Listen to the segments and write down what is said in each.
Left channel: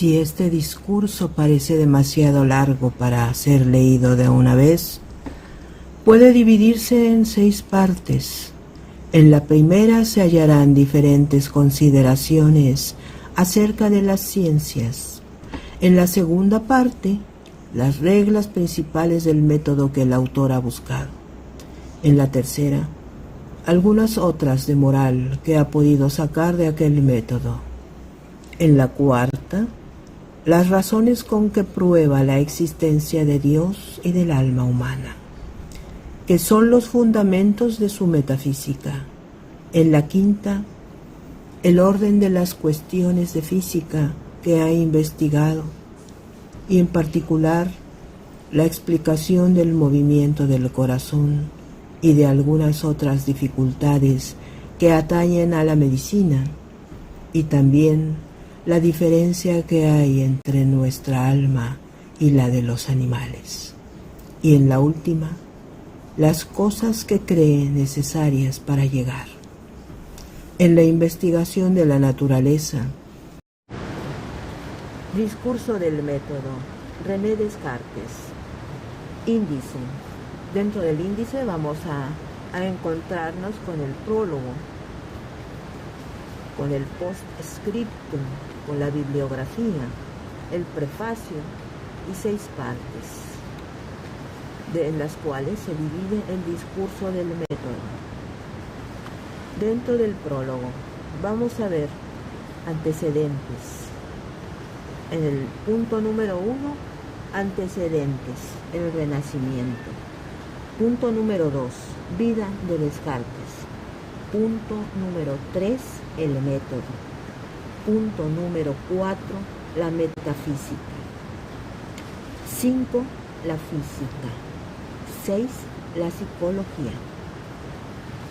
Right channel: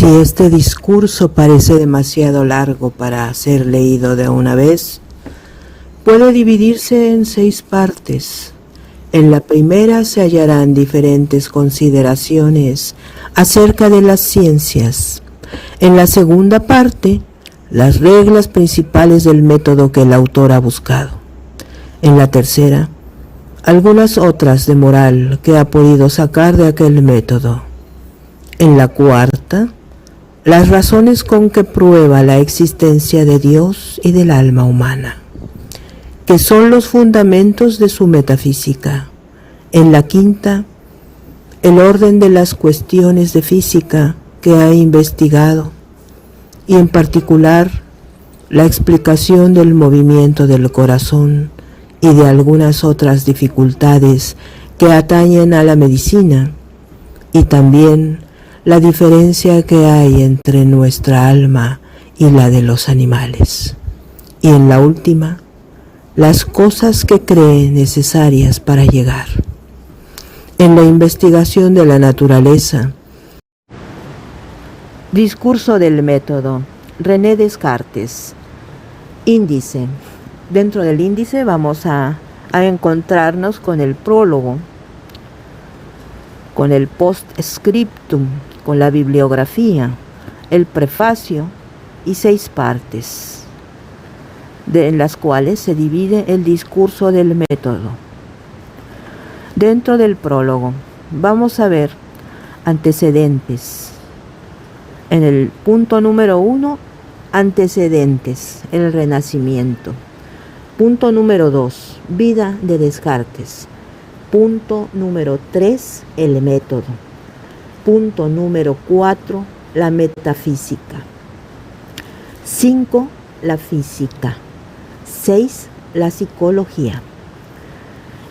Si este discurso parece demasiado largo para ser leído de una vez, puede dividirse en 6 partes. En la primera se hallarán diferentes consideraciones acerca de las ciencias. En la segunda parte, las reglas principales del método que el autor ha buscado. En la tercera, algunas otras de moral que ha podido sacar de aquel método. En la cuarta, las razones con que prueba la existencia de Dios y del alma humana, que son los fundamentos de su metafísica. En la quinta, el orden de las cuestiones de física que ha investigado, y en particular la explicación del movimiento del corazón y de algunas otras dificultades que atañen a la medicina, y también la diferencia que hay entre nuestra alma y la de los animales. Y en la última, las cosas que cree necesarias para llegar. En la investigación de la naturaleza. Discurso del método. René Descartes. Índice. Dentro del índice vamos a encontrarnos con el prólogo, con el postscriptum, con la bibliografía, el prefacio y 6 partes, en las cuales se divide el discurso del método. Dentro del prólogo vamos a ver antecedentes. En el punto número 1, antecedentes, el Renacimiento. Punto número 2, vida de Descartes. Punto número 3, el método. Punto número 4, la metafísica. 5, la física. 6, la psicología.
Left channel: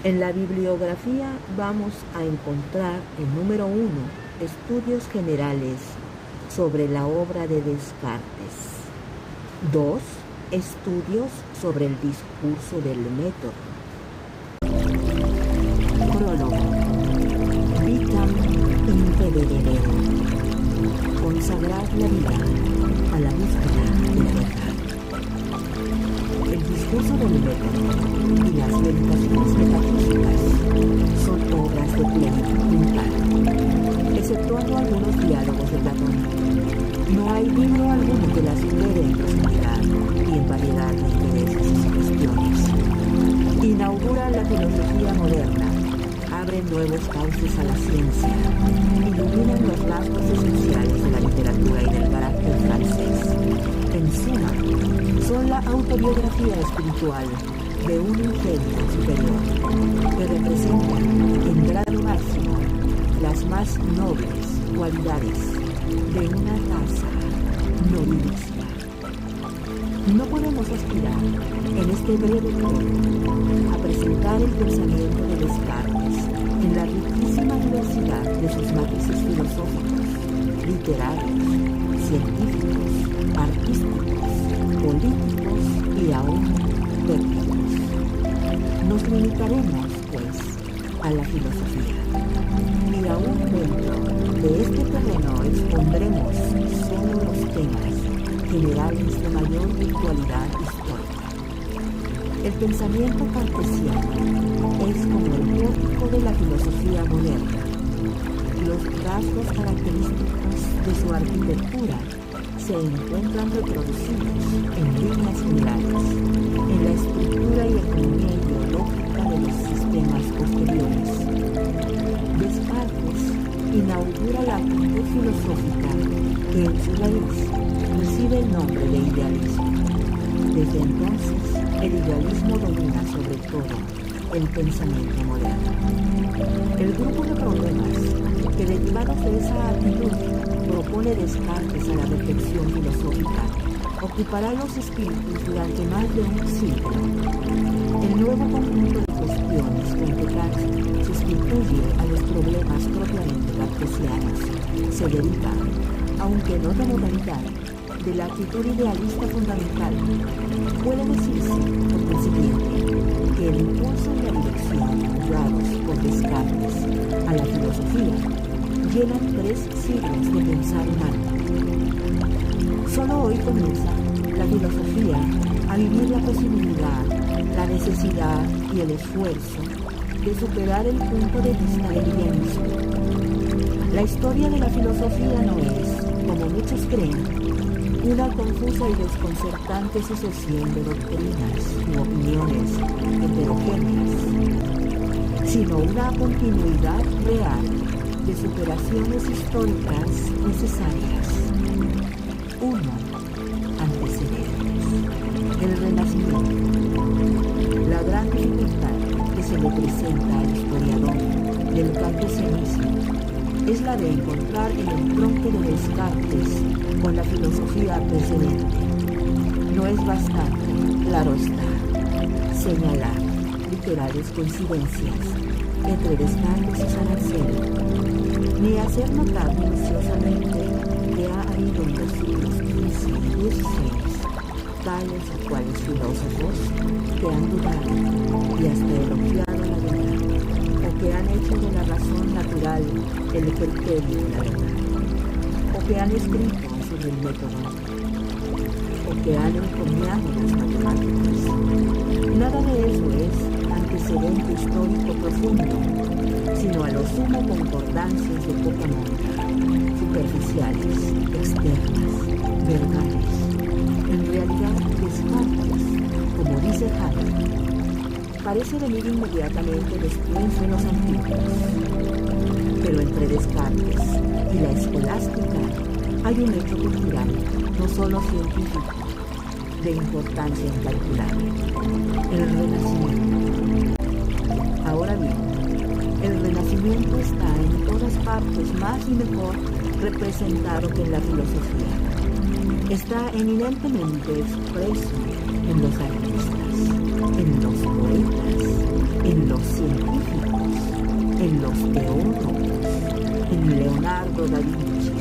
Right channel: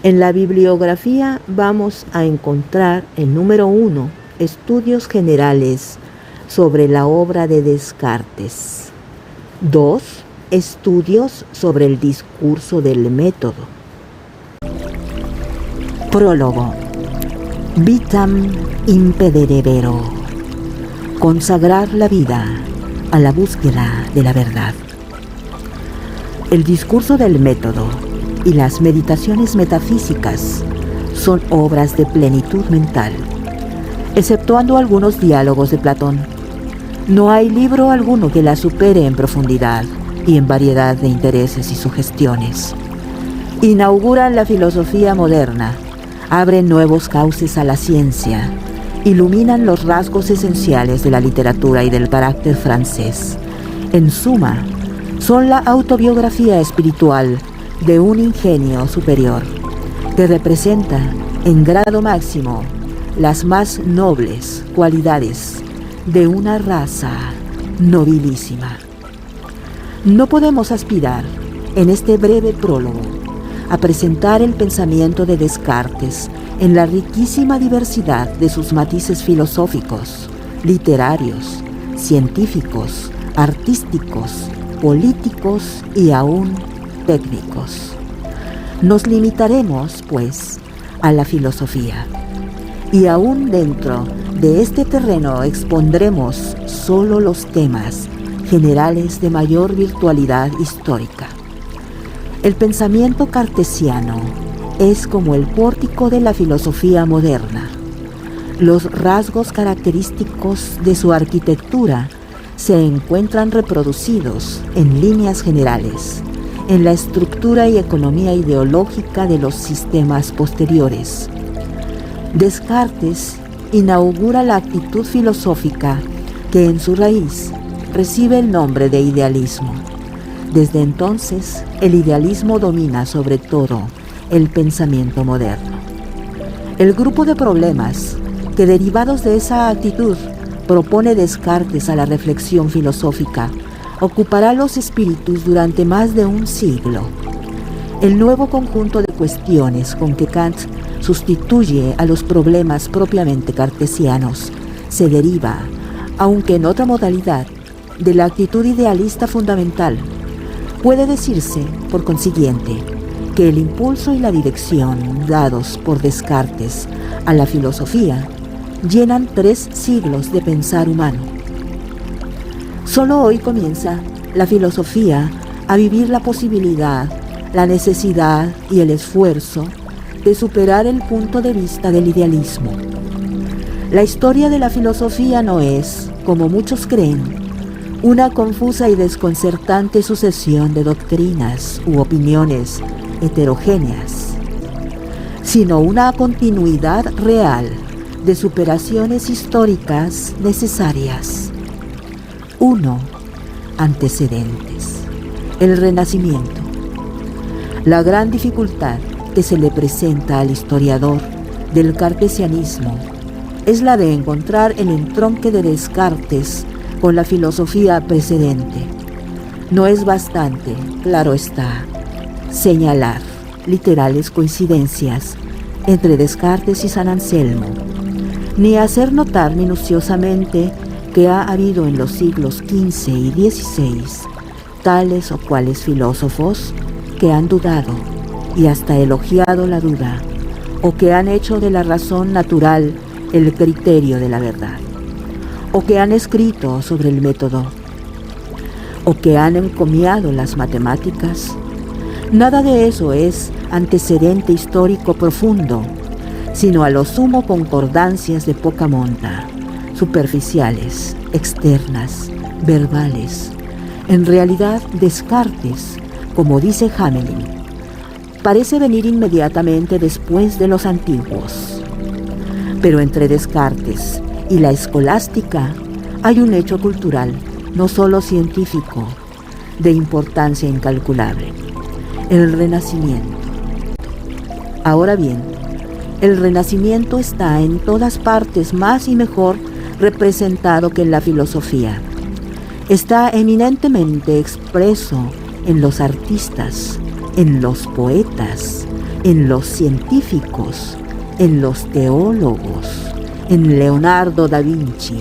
En la bibliografía vamos a encontrar en número 1, estudios generales sobre la obra de Descartes. 2, estudios sobre el discurso del método. Prólogo. Vitam impederebero. Consagrar la vida a la búsqueda de la verdad. El discurso del método y las meditaciones metafísicas son obras de plenitud mental, exceptuando algunos diálogos de Platón. No hay libro alguno que la supere en profundidad y en variedad de intereses y sugestiones. Inauguran la filosofía moderna, abren nuevos cauces a la ciencia, iluminan los rasgos esenciales de la literatura y del carácter francés. En suma, son la autobiografía espiritual de un ingenio superior, que representa en grado máximo las más nobles cualidades de una raza nobilísima. No podemos aspirar, en este breve prólogo, a presentar el pensamiento de Descartes en la riquísima diversidad de sus matices filosóficos, literarios, científicos, artísticos, políticos y aún técnicos. Nos limitaremos, pues, a la filosofía, y aún dentro de este terreno expondremos solo los temas generales de mayor virtualidad histórica. El pensamiento cartesiano es como el pórtico de la filosofía moderna. Los rasgos característicos de su arquitectura se encuentran reproducidos en líneas generales en la estructura y economía ideológica de los sistemas posteriores. Descartes inaugura la actitud filosófica que en su raíz recibe el nombre de idealismo. Desde entonces, el idealismo domina sobre todo el pensamiento moderno. El grupo de problemas que, derivados de esa actitud, propone Descartes a la reflexión filosófica ocupará los espíritus durante más de un siglo. El nuevo conjunto de cuestiones con que Kant sustituye a los problemas propiamente cartesianos se deriva, aunque en otra modalidad, de la actitud idealista fundamental. Puede decirse, por consiguiente, que el impulso y la dirección dados por Descartes a la filosofía llenan 3 siglos de pensar humano, Solo hoy comienza la filosofía a vivir la posibilidad, la necesidad y el esfuerzo de superar el punto de vista del idealismo. La historia de la filosofía no es, como muchos creen, una confusa y desconcertante sucesión de doctrinas u opiniones heterogéneas, sino una continuidad real de superaciones históricas necesarias. 1. Antecedentes. El Renacimiento. La gran dificultad que se le presenta al historiador del cartesianismo es la de encontrar el entronque de Descartes con la filosofía precedente. No es bastante, claro está, señalar literales coincidencias entre Descartes y San Anselmo, ni hacer notar minuciosamente que ha habido en los siglos XV y XVI tales o cuales filósofos que han dudado y hasta elogiado la duda, o que han hecho de la razón natural el criterio de la verdad, o que han escrito sobre el método, o que han encomiado las matemáticas. Nada de eso es antecedente histórico profundo, sino a lo sumo concordancias de poca monta, superficiales, externas, verbales. En realidad, Descartes, como dice Hamelin, parece venir inmediatamente después de los antiguos. Pero entre Descartes y la escolástica hay un hecho cultural, no solo científico, de importancia incalculable: el Renacimiento. Ahora bien, el Renacimiento está en todas partes más y mejor representado que en la filosofía. Está eminentemente expreso en los artistas, en los poetas, en los científicos, en los teólogos, en Leonardo da Vinci,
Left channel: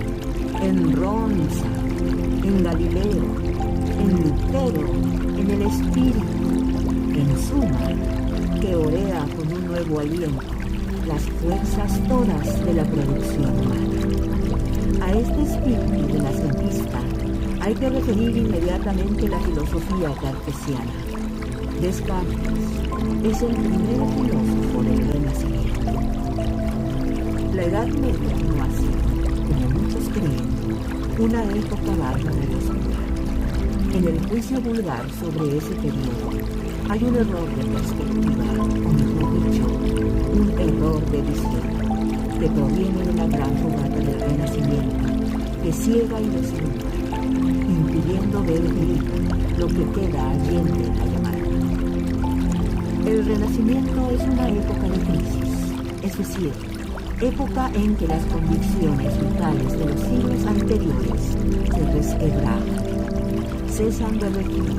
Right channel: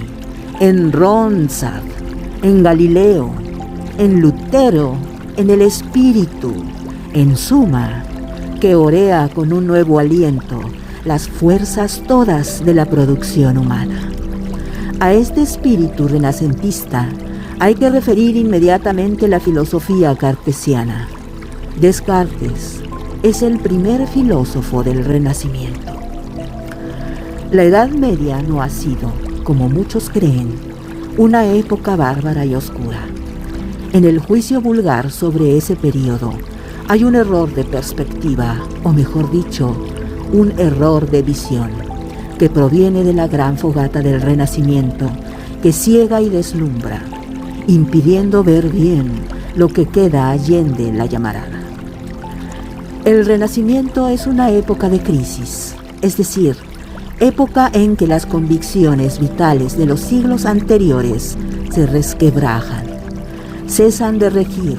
en Ronsard, en Galileo, en Lutero, en el espíritu, en suma, que orea con un nuevo aliento las fuerzas todas de la producción humana. A este espíritu renacentista hay que referir inmediatamente la filosofía cartesiana. Descartes es el primer filósofo del Renacimiento. La Edad Media no ha sido, como muchos creen, una época bárbara y oscura. En el juicio vulgar sobre ese período hay un error de perspectiva, o mejor dicho, un error de visión, que proviene de la gran fogata del Renacimiento, que ciega y deslumbra, impidiendo ver bien lo que queda allende la llamarada. El Renacimiento es una época de crisis, es decir, época en que las convicciones vitales de los siglos anteriores se resquebrajan, cesan de regir,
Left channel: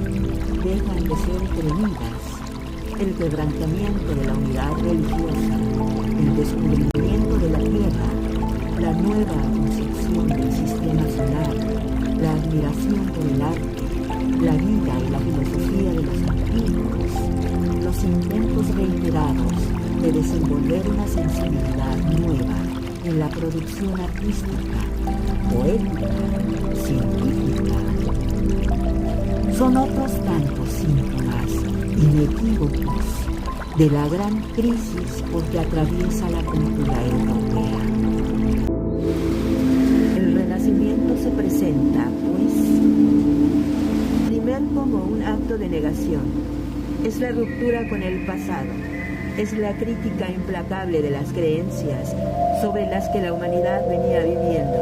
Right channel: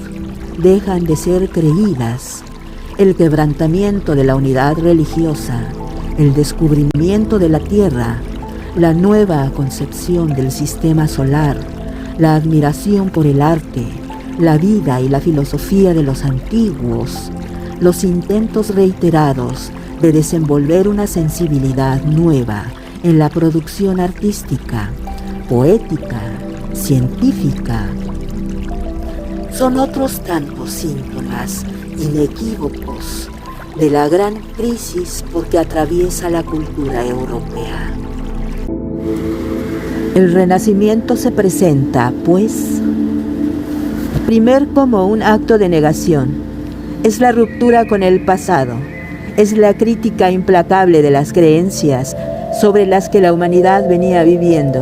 dejan de ser creídas. El quebrantamiento de la unidad religiosa, el descubrimiento de la tierra, la nueva concepción del sistema solar, la admiración por el arte, la vida y la filosofía de los antiguos, los intentos reiterados de desenvolver una sensibilidad nueva en la producción artística, poética, científica, son otros tantos síntomas inequívocos de la gran crisis por que atraviesa la cultura europea. El Renacimiento se presenta, pues, primero como un acto de negación. Es la ruptura con el pasado, es la crítica implacable de las creencias sobre las que la humanidad venía viviendo.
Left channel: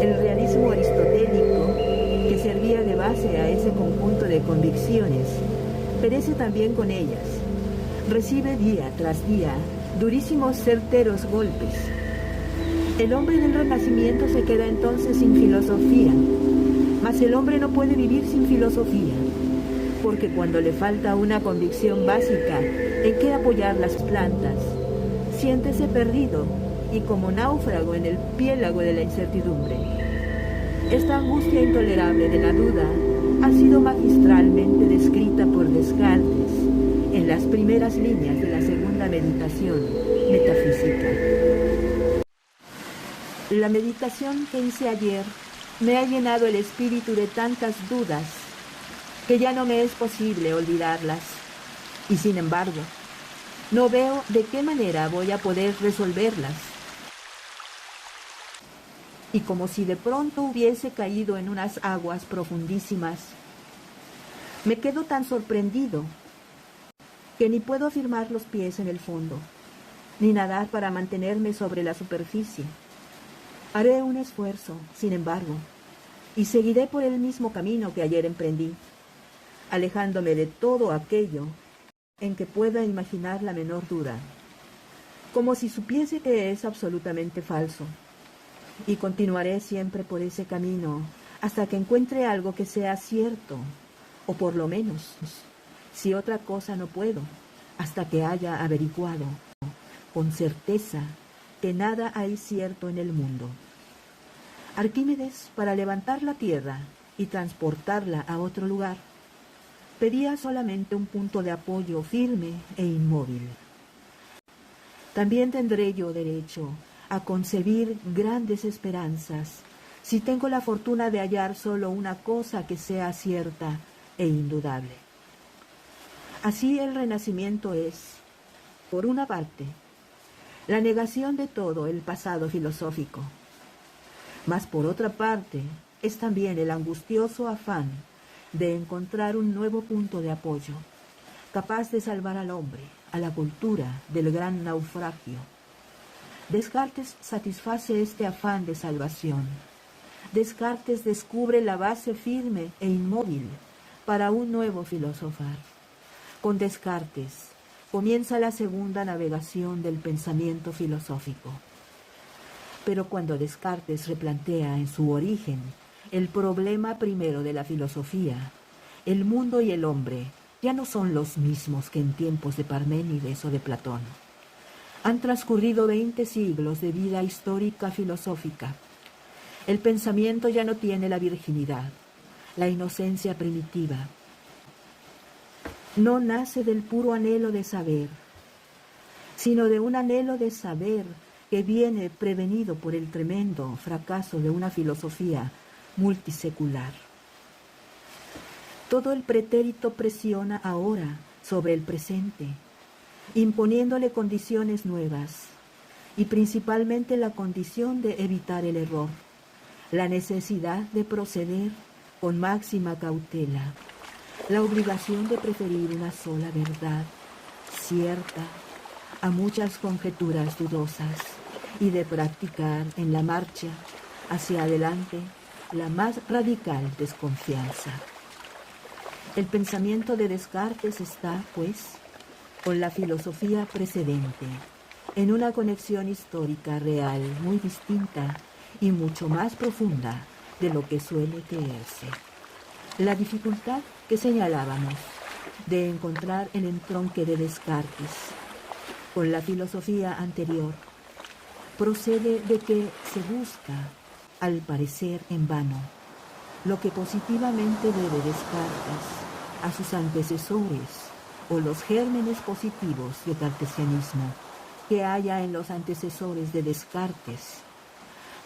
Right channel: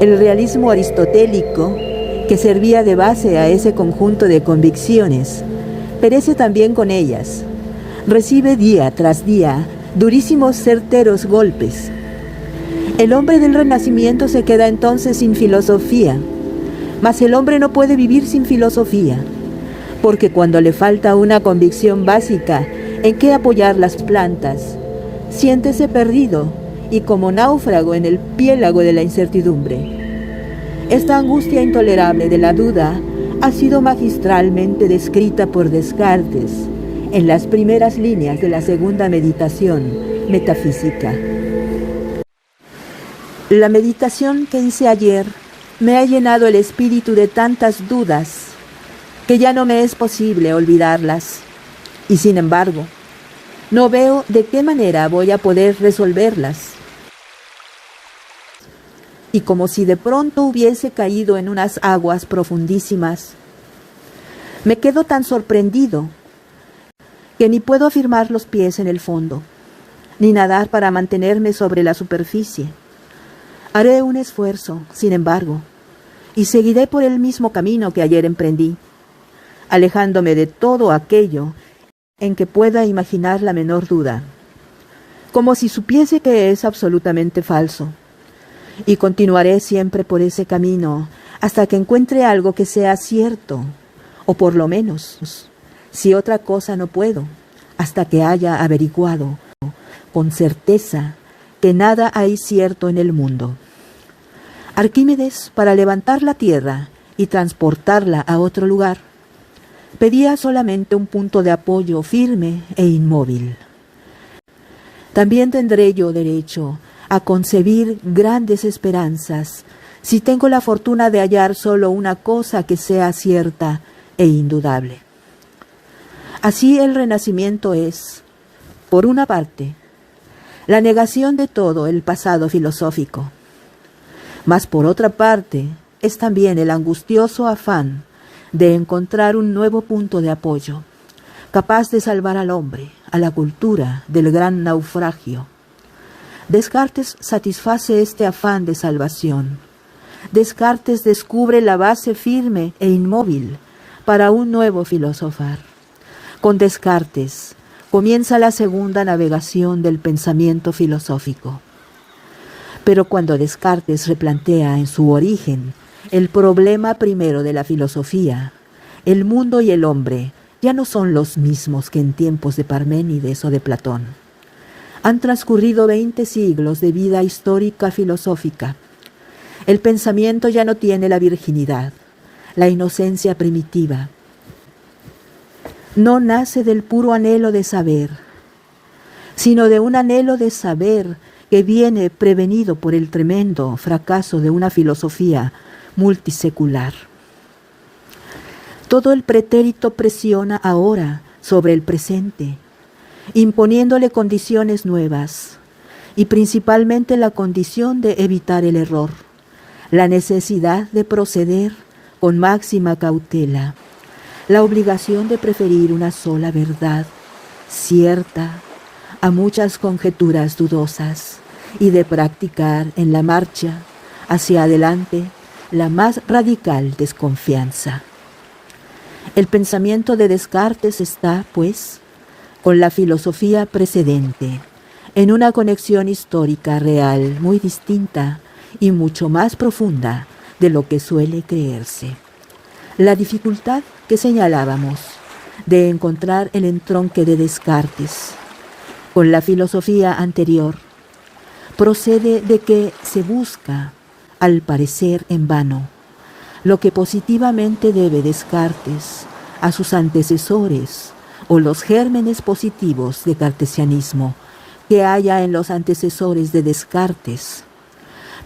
El realismo aristotélico, que servía de base a ese conjunto de convicciones, perece también con ellas. Recibe día tras día durísimos, certeros golpes. El hombre del Renacimiento se queda entonces sin filosofía, mas el hombre no puede vivir sin filosofía, porque cuando le falta una convicción básica en qué apoyar las plantas, siéntese perdido y como náufrago en el piélago de la incertidumbre. Esta angustia intolerable de la duda ha sido magistralmente descrita por Descartes en las primeras líneas de la segunda meditación metafísica. La meditación que hice ayer Me ha llenado el espíritu de tantas dudas que ya no me es posible olvidarlas. Y sin embargo, no veo de qué manera voy a poder resolverlas. Y como si de pronto hubiese caído en unas aguas profundísimas, me quedo tan sorprendido que ni puedo afirmar los pies en el fondo, ni nadar para mantenerme sobre la superficie. Haré un esfuerzo, sin embargo, y seguiré por el mismo camino que ayer emprendí, alejándome de todo aquello en que pueda imaginar la menor duda, como si supiese que es absolutamente falso, y continuaré siempre por ese camino hasta que encuentre algo que sea cierto, o por lo menos, si otra cosa no puedo, hasta que haya averiguado con certeza que nada hay cierto en el mundo. Arquímedes, para levantar la tierra y transportarla a otro lugar, pedía solamente un punto de apoyo firme e inmóvil. También tendré yo derecho a concebir grandes esperanzas si tengo la fortuna de hallar solo una cosa que sea cierta e indudable. Así el Renacimiento es, por una parte, la negación de todo el pasado filosófico, mas por otra parte es también el angustioso afán de encontrar un nuevo punto de apoyo, capaz de salvar al hombre, a la cultura, del gran naufragio. Descartes satisface este afán de salvación. Descartes descubre la base firme e inmóvil para un nuevo filosofar. Con Descartes comienza la segunda navegación del pensamiento filosófico. Pero cuando Descartes replantea en su origen el problema primero de la filosofía, el mundo y el hombre ya no son los mismos que en tiempos de Parménides o de Platón. Han transcurrido 20 siglos de vida histórica filosófica. El pensamiento ya no tiene la virginidad, la inocencia primitiva. No nace del puro anhelo de saber, sino de un anhelo de saber que viene prevenido por el tremendo fracaso de una filosofía multisecular. Todo el pretérito presiona ahora sobre el presente, imponiéndole condiciones nuevas, y principalmente la condición de evitar el error, la necesidad de proceder con máxima cautela, la obligación de preferir una sola verdad, cierta, a muchas conjeturas dudosas, y de practicar en la marcha hacia adelante la más radical desconfianza. El pensamiento de Descartes está, pues, con la filosofía precedente, en una conexión histórica real muy distinta y mucho más profunda de lo que suele creerse. La dificultad que señalábamos de encontrar el entronque de Descartes con la filosofía anterior procede de que se busca, al parecer en vano, lo que positivamente debe Descartes a sus antecesores o los gérmenes positivos de cartesianismo que haya en los antecesores de Descartes.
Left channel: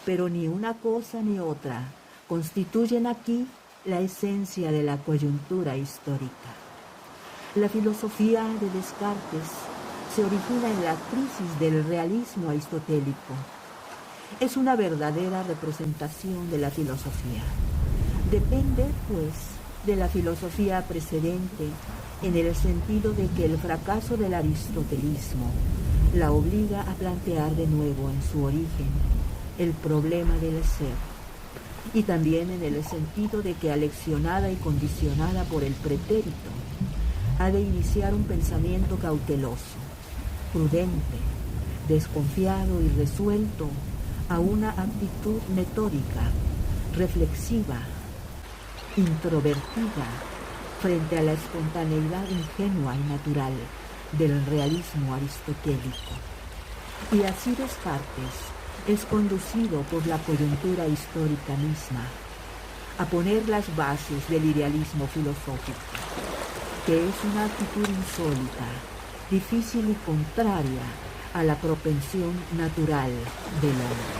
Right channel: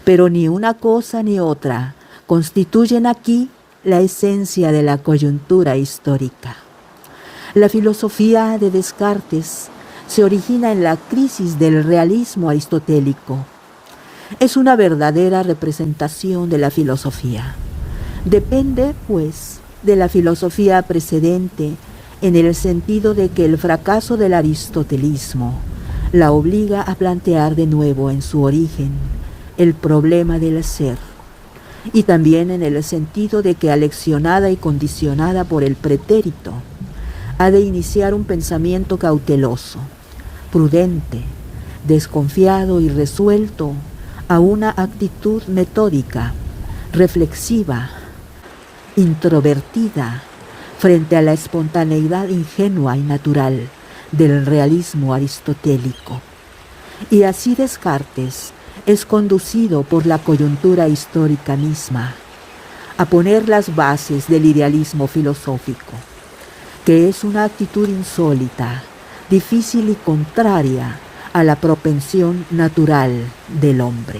Pero ni una cosa ni otra constituyen aquí la esencia de la coyuntura histórica. La filosofía de Descartes se origina en la crisis del realismo aristotélico. Es una verdadera representación de la filosofía. Depende, pues, de la filosofía precedente en el sentido de que el fracaso del aristotelismo la obliga a plantear de nuevo en su origen el problema del ser, y también en el sentido de que aleccionada y condicionada por el pretérito, ha de iniciar un pensamiento cauteloso, prudente, desconfiado y resuelto a una actitud metódica, reflexiva, introvertida frente a la espontaneidad ingenua y natural del realismo aristotélico. Y así Descartes es conducido por la coyuntura histórica misma a poner las bases del idealismo filosófico, que es una actitud insólita, difícil y contraria a la propensión natural del hombre.